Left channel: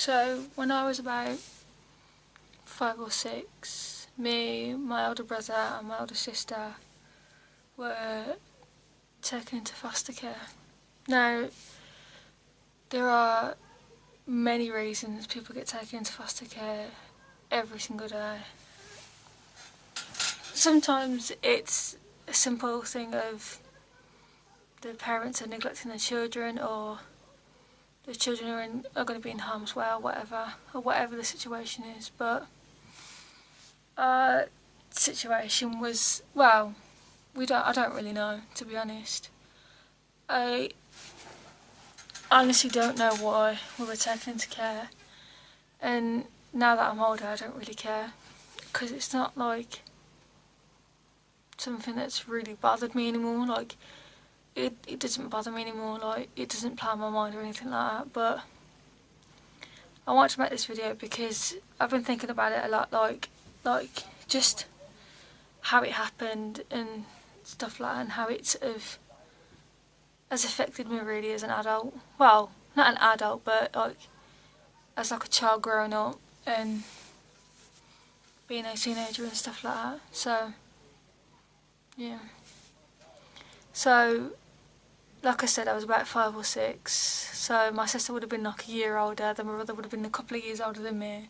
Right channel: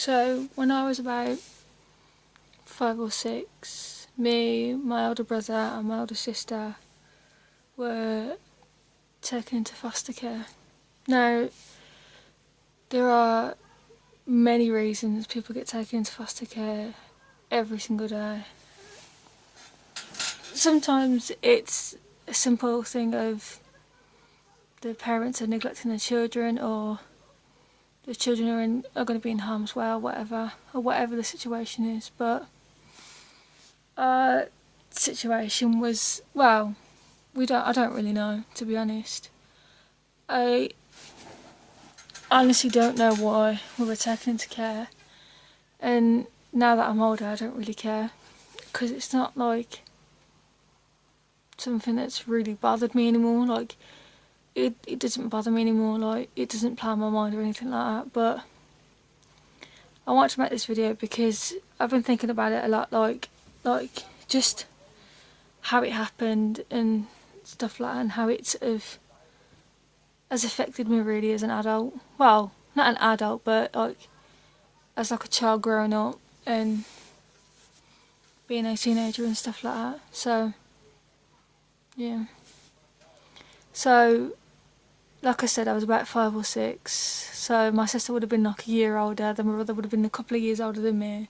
So when I was about 5 or 6, me, my older brother and my older sister were taken into foster care. Now, there are many reasons people get taken into foster care every single day. Sometimes it's a simple thing of the parents are neglecting their children, or the children are going to be in harm's way, or whatever the situation is. But our situation was, well, I don't really know, to be honest. I honestly don't know why we were taken into care, and now that I'm older I don't really care, because it's not like something that's really bothered me anymore. Like, it doesn't bother me anymore, like, it doesn't play on my mind or anything like that. But I want to make this video because I've been thinking about it a lot, like just how it happened and stuff like that, and how it sort of has affected me really as an adult. Well, not an adult, but like as like a child growing up and being a teenager and stuff like that. So yeah. So like I said, I was about 5 or 6. So my sister would have been like a year older, then my brother would have been a couple of years older than me.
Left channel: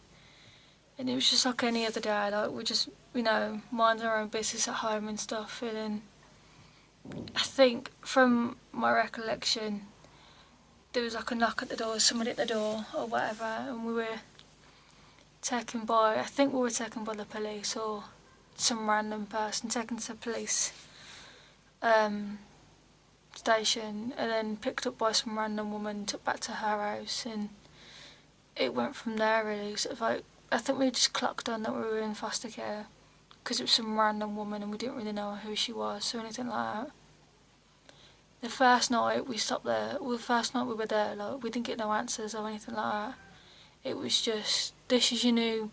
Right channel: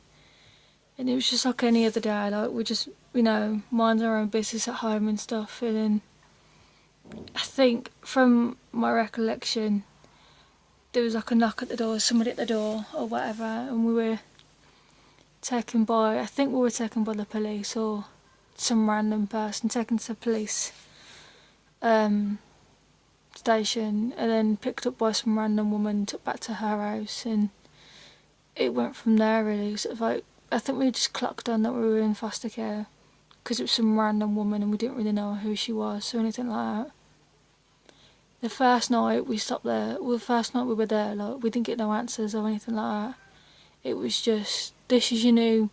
And it was just like any other day, like we just, mind our own business at home and stuff. And then I think from my recollection, there was like a knock at the door, somebody at the door or whatever, and we were taken by the police or some random person, taken to the police station, and then picked up by some random woman, took back to her house, and it went from there really. Sort of like, I think we just clocked on that we were in foster care because it was some random woman and we didn't really know who she was or anything like that. The first night we were there, like, we didn't get no answers or anything like that. It was just, this is your new,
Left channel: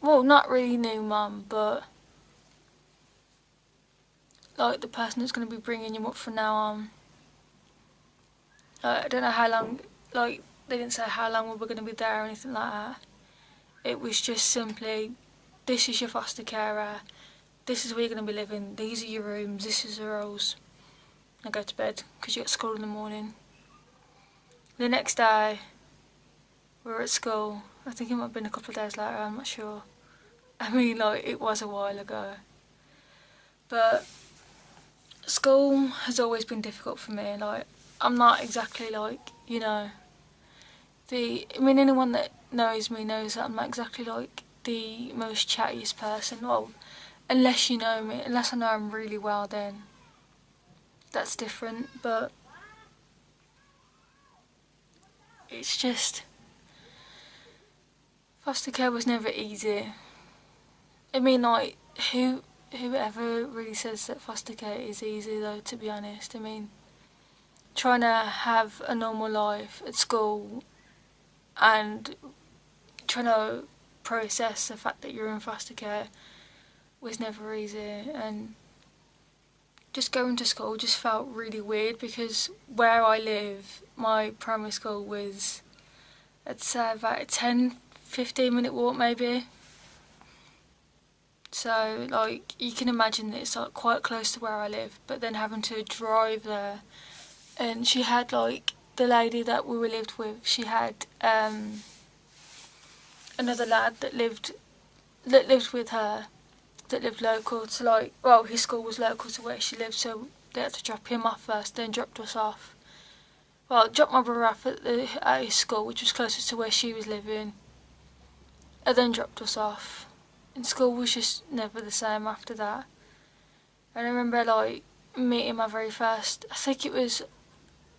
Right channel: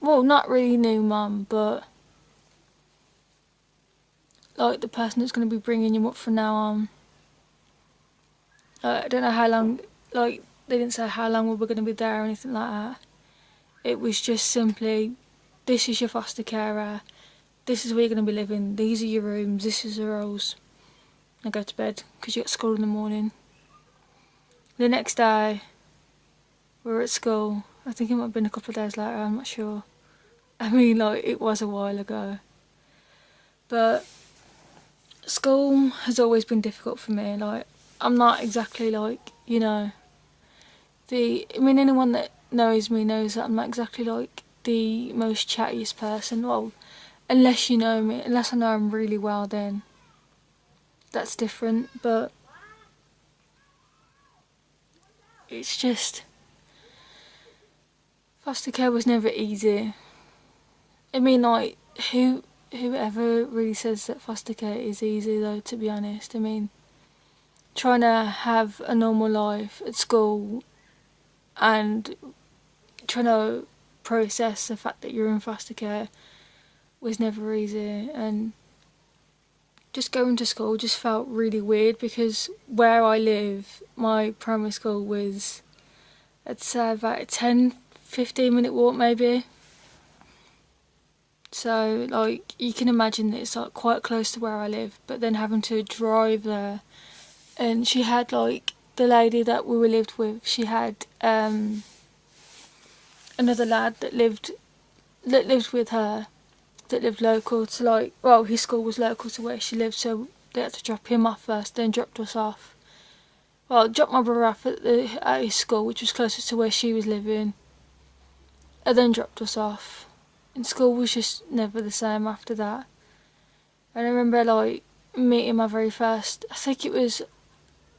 well, not really new mum, but like the person that's going to be bringing you up from now on. I don't know how long, like, they didn't say how long we were going to be there or anything like that. It was just simply, this is your foster carer, this is where you're going to be living, these are your rooms, this is the rules. And go to bed, because you got school in the morning. The next day, we were at school. I think it might have been a couple of days later, I'm not sure. I mean, like, it was a while ago. But school has always been difficult for me. Like, I'm not exactly like, anyone that knows me knows that I'm not exactly like the most chattiest person. Well, unless you know me, unless I know him really well, then that's different. But it's just, foster care was never easy. I mean, like, whoever really says that foster care is easy, though, to be honest. I mean, trying to have a normal life at school and trying to process the fact that you're in foster care was never easy. And just going to school just felt really weird, because where I live, my primary school was, I'd say, about a 10-15 minute walk maybe. So, like, you can imagine that it's like quite close to where I live, but then having to drive there. And she had, like, the lady that we were lived with, she had another lad that lived with her, that lived local to, like, well, his school was local to where she lived, so they had to drop him off first, then dropped us off. Well, dropped my brother off at his school, which was closer to where she was living, and then dropped us off. And school was just never the same after that. And I remember, like, meeting my very first, I think it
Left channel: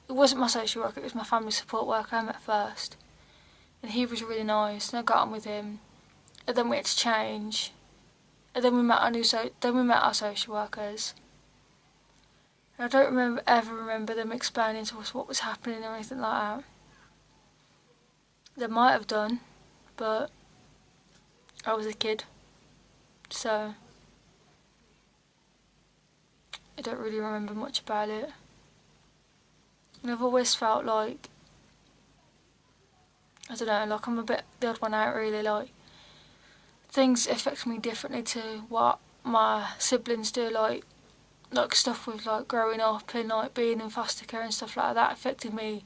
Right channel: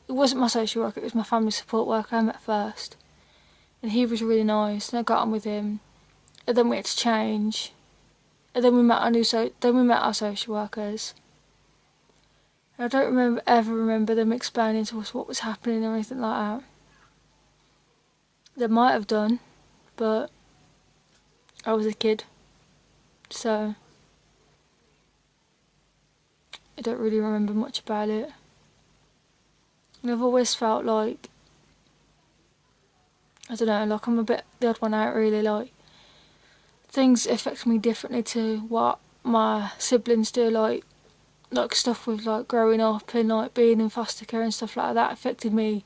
wasn't my social worker, it was my family support worker I met first. And he was really nice, and I got on with him. And then we had to change. And then we met our social workers. And I don't ever remember them explaining to us what was happening or anything like that. They might have done, but I was a kid, so I don't really remember much about it. And I've always felt like I don't know, like, I'm a bit the odd one out, really. Like, things affect me differently to what my siblings do. Like stuff with, like, growing up and, like, being in foster care and stuff like that affected me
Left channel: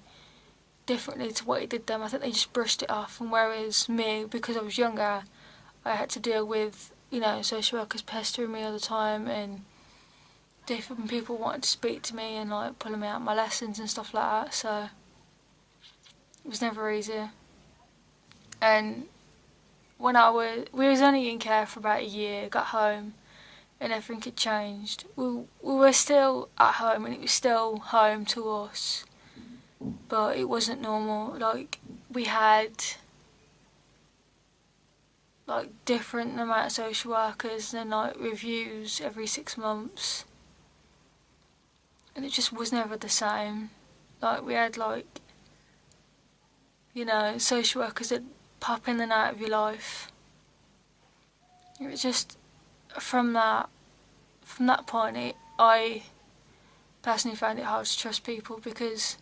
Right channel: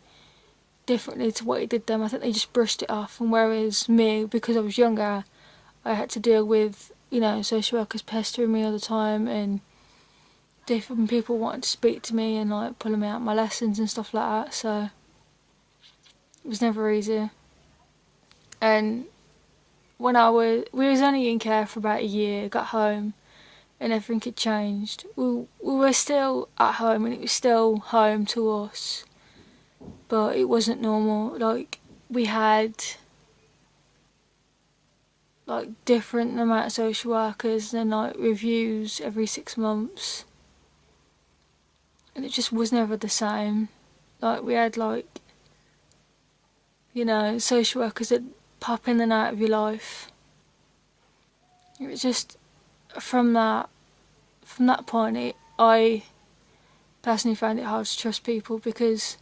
differently to what it did them. I think they just brushed it off, and whereas me, because I was younger, I had to deal with, you know, social workers pestering me all the time, and different people wanting to speak to me and, like, pulling me out my lessons and stuff like that. So it was never easy. And we was only in care for about a year, got home, and everything had changed. We were still at home, and it was still home to us, but it wasn't normal. Like, we had, like, different amount of social workers and, like, reviews every 6 months, and it just was never the same. Like, we had, like, you know, social workers that pop in and out of your life. It was just, from that point, I personally found it hard to trust people, because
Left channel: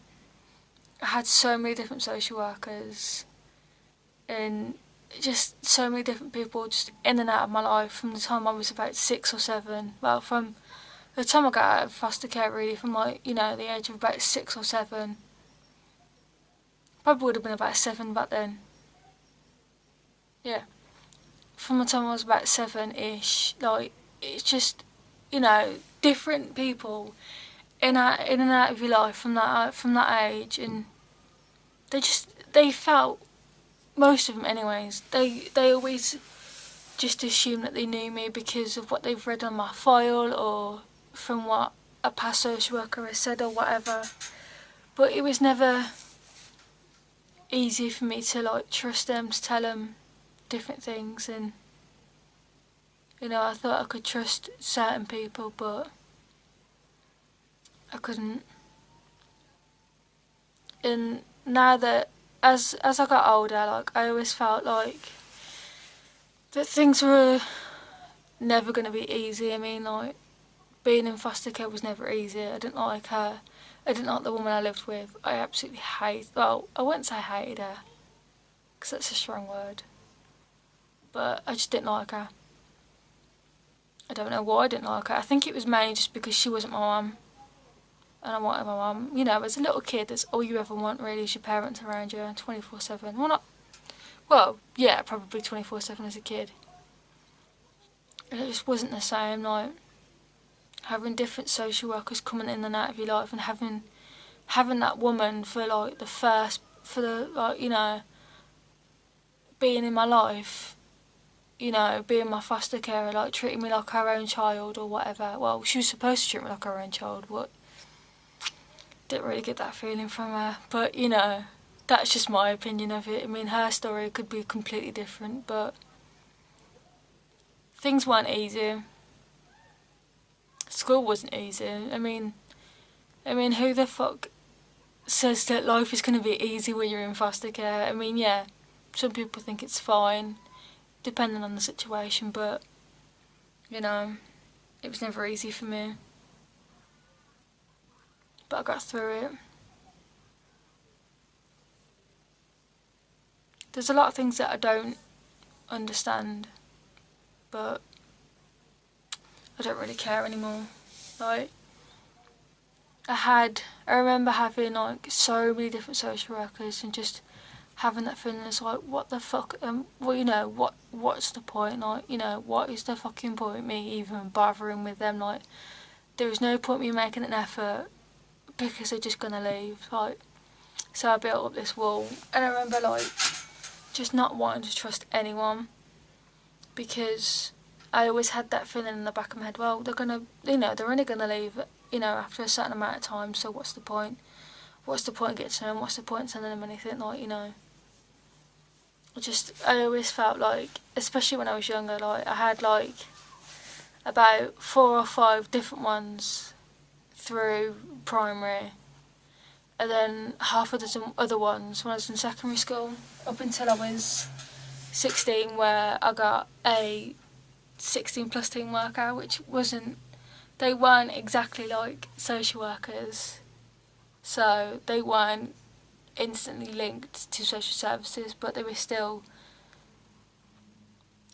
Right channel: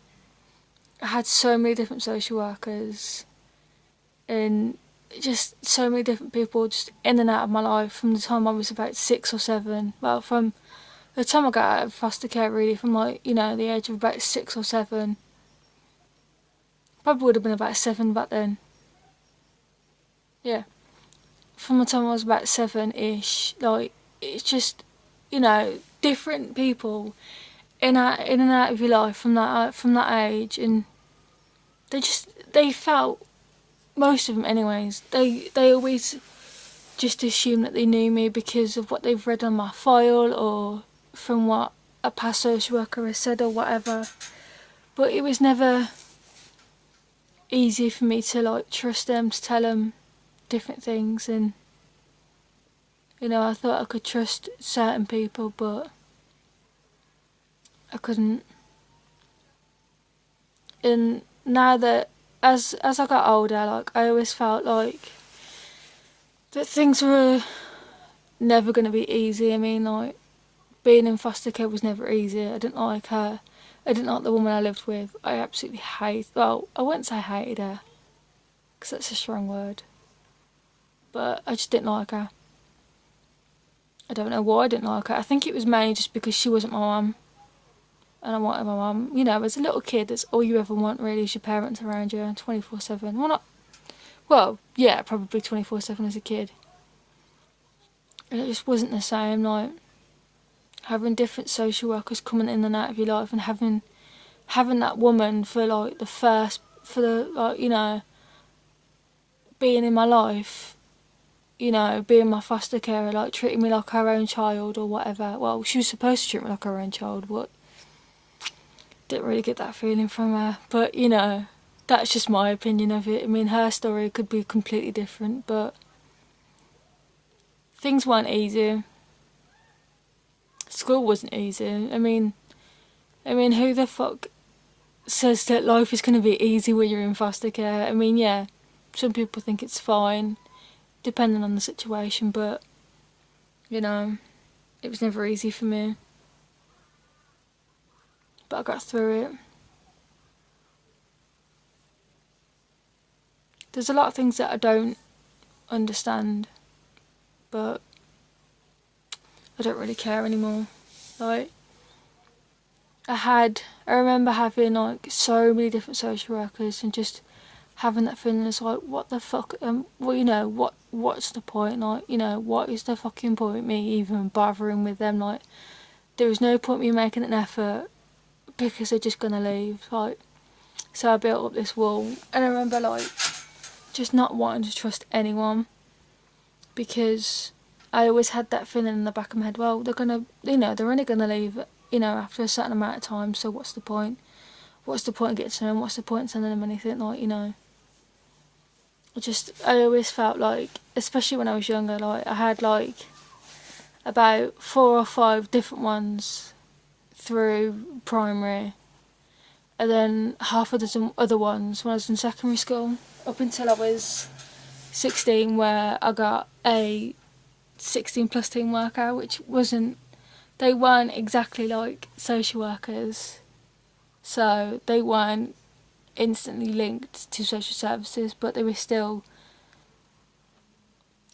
I had so many different social workers and just so many different people just in and out of my life from the time I was about 6 or 7. Well, from the time I got out of foster care, really, from, like, you know, the age of about 6 or 7. Probably would have been about 7 back then. Yeah. From the time I was about 7-ish, like, it's just, you know, different people in and out of your life from that age, and they felt, most of them anyways, they always just assume that they knew me because of what they've read on my file or from what a past social worker has said or whatever. But it was never easy for me to, like, trust them, to tell them different things. And, you know, I thought I could trust certain people, but I couldn't. And now that, as I got older, like, I always felt like that things were never going to be easy. I mean, like, being in foster care was never easy. I didn't like her. I didn't like the woman I lived with. I absolutely well, I wouldn't say I hated her, because that's a strong word, but I just didn't like her. I don't know why I didn't like her. I think it was mainly just because she wasn't my mum, and I wanted my mum. You know, as a little kid, that's all you ever want, really, is your parents around you 24/7. Well, yeah, probably 24/7 as a kid. And it just wasn't the same, like, having different social workers coming in and out of your life, and having that woman for, like, like, you know, being in my life, you know, being my foster carer, like, treating me like her own child or whatever. Well, she was supposed to treat me like her own child, but didn't really get that feeling from her. But, you know, that's just my opinion of it. I mean, her story could be completely different, but things weren't easy. School wasn't easy. I mean, who the fuck says that life is going to be easy when you're in foster care? I mean, yeah, some people think it's fine, depending on the situation, but, you know, it was never easy for me. But I got through it. There's a lot of things that I don't understand, but I don't really care anymore. Like, I remember having, like, so many different social workers, and just having that feeling, it's like, what the fuck, well, you know, what's the point? Like, you know, what is the fucking point me even bothering with them? Like, there is no point me making an effort, because they're just gonna leave. Like, so I built up this wall, and I remember, like, just not wanting to trust anyone, because I always had that feeling in the back of my head, well, they're only gonna leave, you know, after a certain amount of time, so what's the point? What's the point of getting to them? What's the point of sending them anything? Like, you know, I always felt like, especially when I was younger, like, I had, like, about 4 or 5 different ones through primary, and then half a dozen other ones when I was in secondary school, up until I was 16, where I got a 16 plus teen worker, which they weren't exactly like social workers, so they weren't instantly linked to social services, but they were still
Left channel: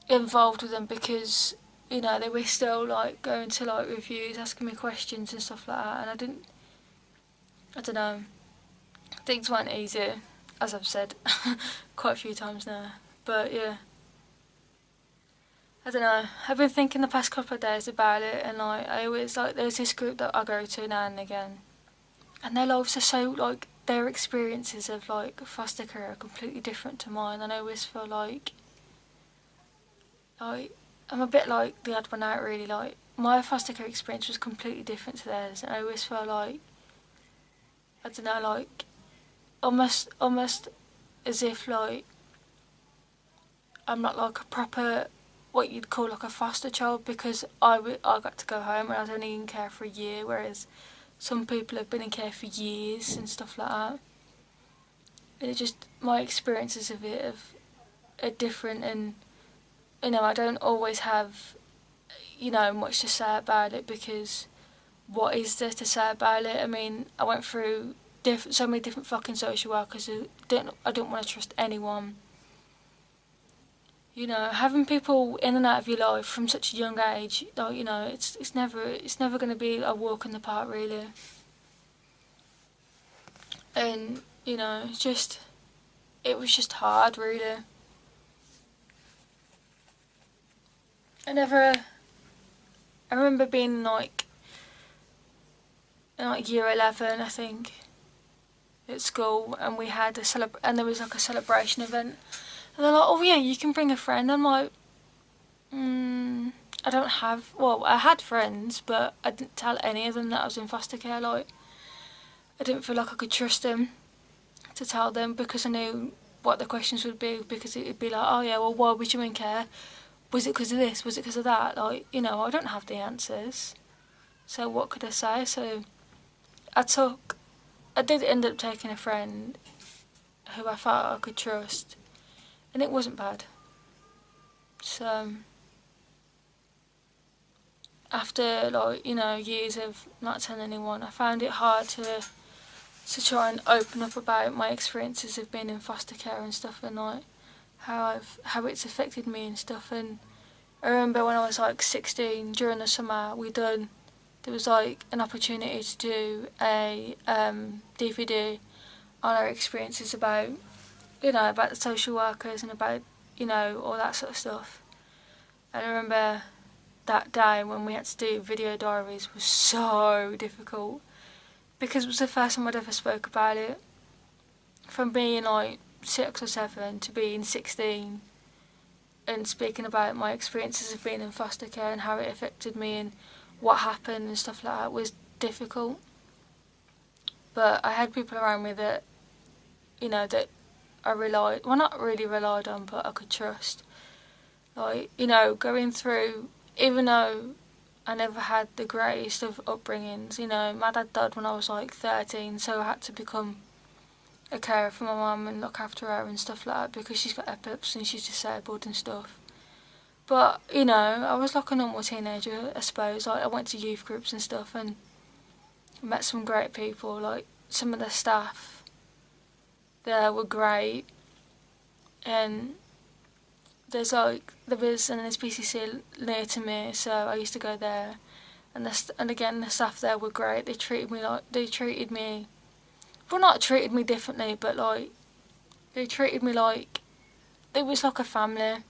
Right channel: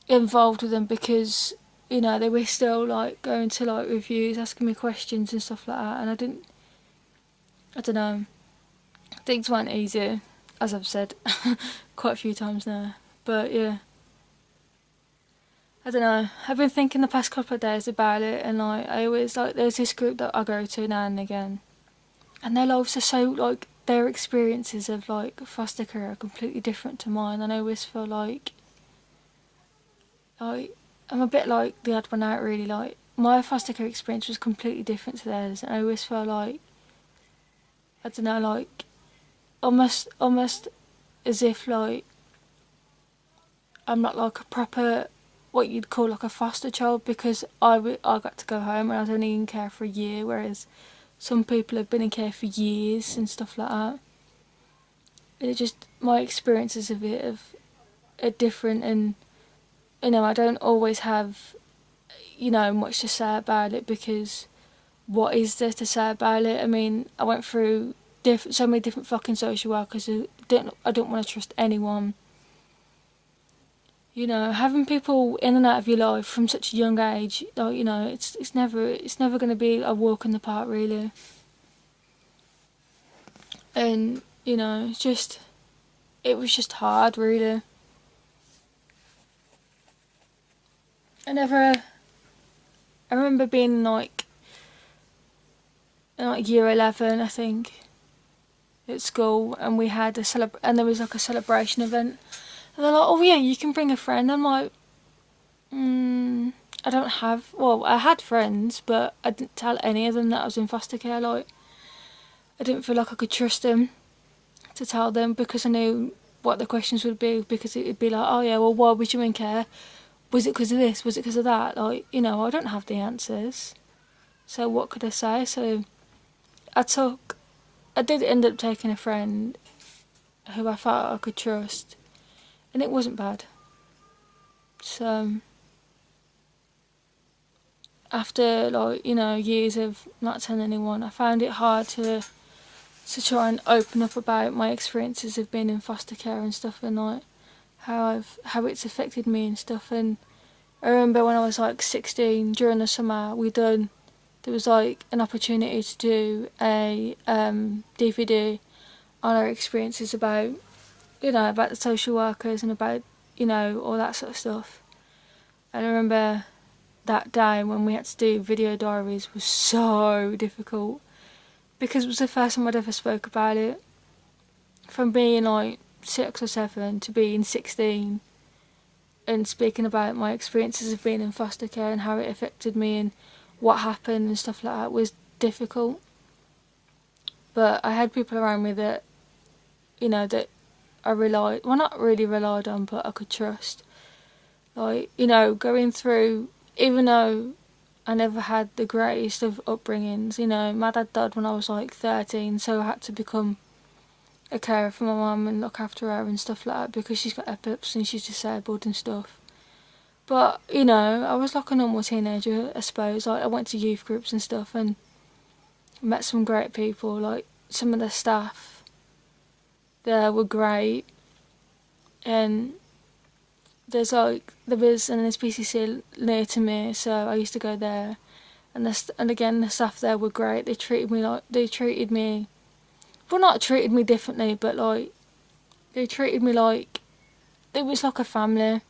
involved with them because, you know, they were still like going to like reviews, asking me questions and stuff like that, and I don't know, things weren't easy, as I've said quite a few times now, but yeah. I don't know, I've been thinking the past couple of days about it, and like, I always, like, there's this group that I go to now and again, and their lives are so, like, their experiences of like foster care are completely different to mine, and I always feel like I'm a bit like the odd one out, really. Like, my foster care experience was completely different to theirs, and I always feel like, I don't know, like, almost as if like I'm not like a proper, what you'd call like a foster child, because I got to go home and I was only in care for a year, whereas some people have been in care for years and stuff like that. And it just, my experiences of it are different, and, you know, I don't always have, you know, much to say about it, because what is there to say about it? I mean, I went through so many different fucking social workers who I don't want to trust anyone. You know, having people in and out of your life from such a young age, like, you know, it's never going to be a walk in the park, really. And, you know, it was just hard, really. I remember being like in like year 11, I think, at school, and we had and there was like a celebration event, and they're like, "Oh yeah, you can bring a friend." I'm like, I don't have. Well, I had friends, but I didn't tell any of them that I was in foster care. Like, I didn't feel like I could trust them to tell them, because I knew what the questions would be, because it'd be like, "Oh yeah, well, why was you in care? Was it because of this? Was it because of that?" Like, you know, I don't have the answers, so what could I say? So I did end up taking a friend who I felt I could trust, and it wasn't bad. So after, like, you know, years of not telling anyone, I found it hard to try and open up about my experiences of being in foster care and stuff, and like how it's affected me and stuff. And I remember when I was like 16, during the summer, there was like an opportunity to do a DVD on our experiences about, you know, about the social workers and about, you know, all that sort of stuff. And I remember that day when we had to do video diaries was so difficult, because it was the first time I'd ever spoke about it. From being like 6 or 7 to being 16 and speaking about my experiences of being in foster care and how it affected me and what happened and stuff like that was difficult. But I had people around me that, you know, that I not really relied on, but I could trust. Like, you know, going through, even though I never had the greatest of upbringings, you know, my dad died when I was like 13, so I had to become a carer for my mum and look after her and stuff like that, because she's got epilepsy and she's disabled and stuff. But, you know, I was like a normal teenager, I suppose. Like, I went to youth groups and stuff and met some great people. Like, some of the staff there were great. And there was an SPCC near to me, so I used to go there. And again, the staff there were great. They treated me, well, not treated me differently, but like, they treated me like it was like a family.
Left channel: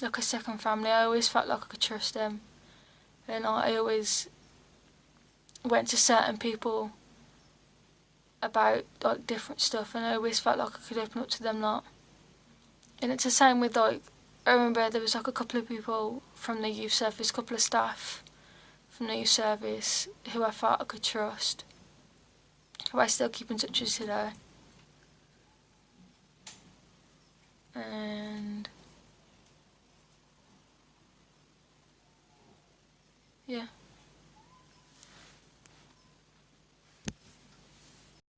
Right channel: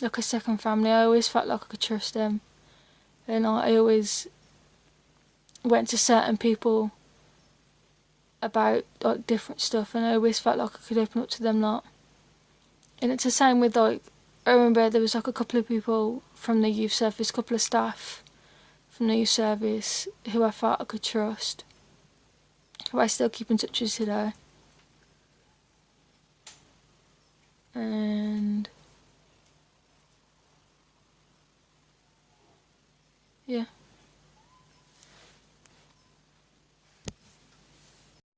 Like a second family. I always felt like I could trust them, and I always went to certain people about like different stuff, and I always felt like I could open up to them lot. And it's the same with, like, I remember there was like a couple of people from the youth service, a couple of staff from the youth service who I felt I could trust, who I still keep in touch with today. And yeah.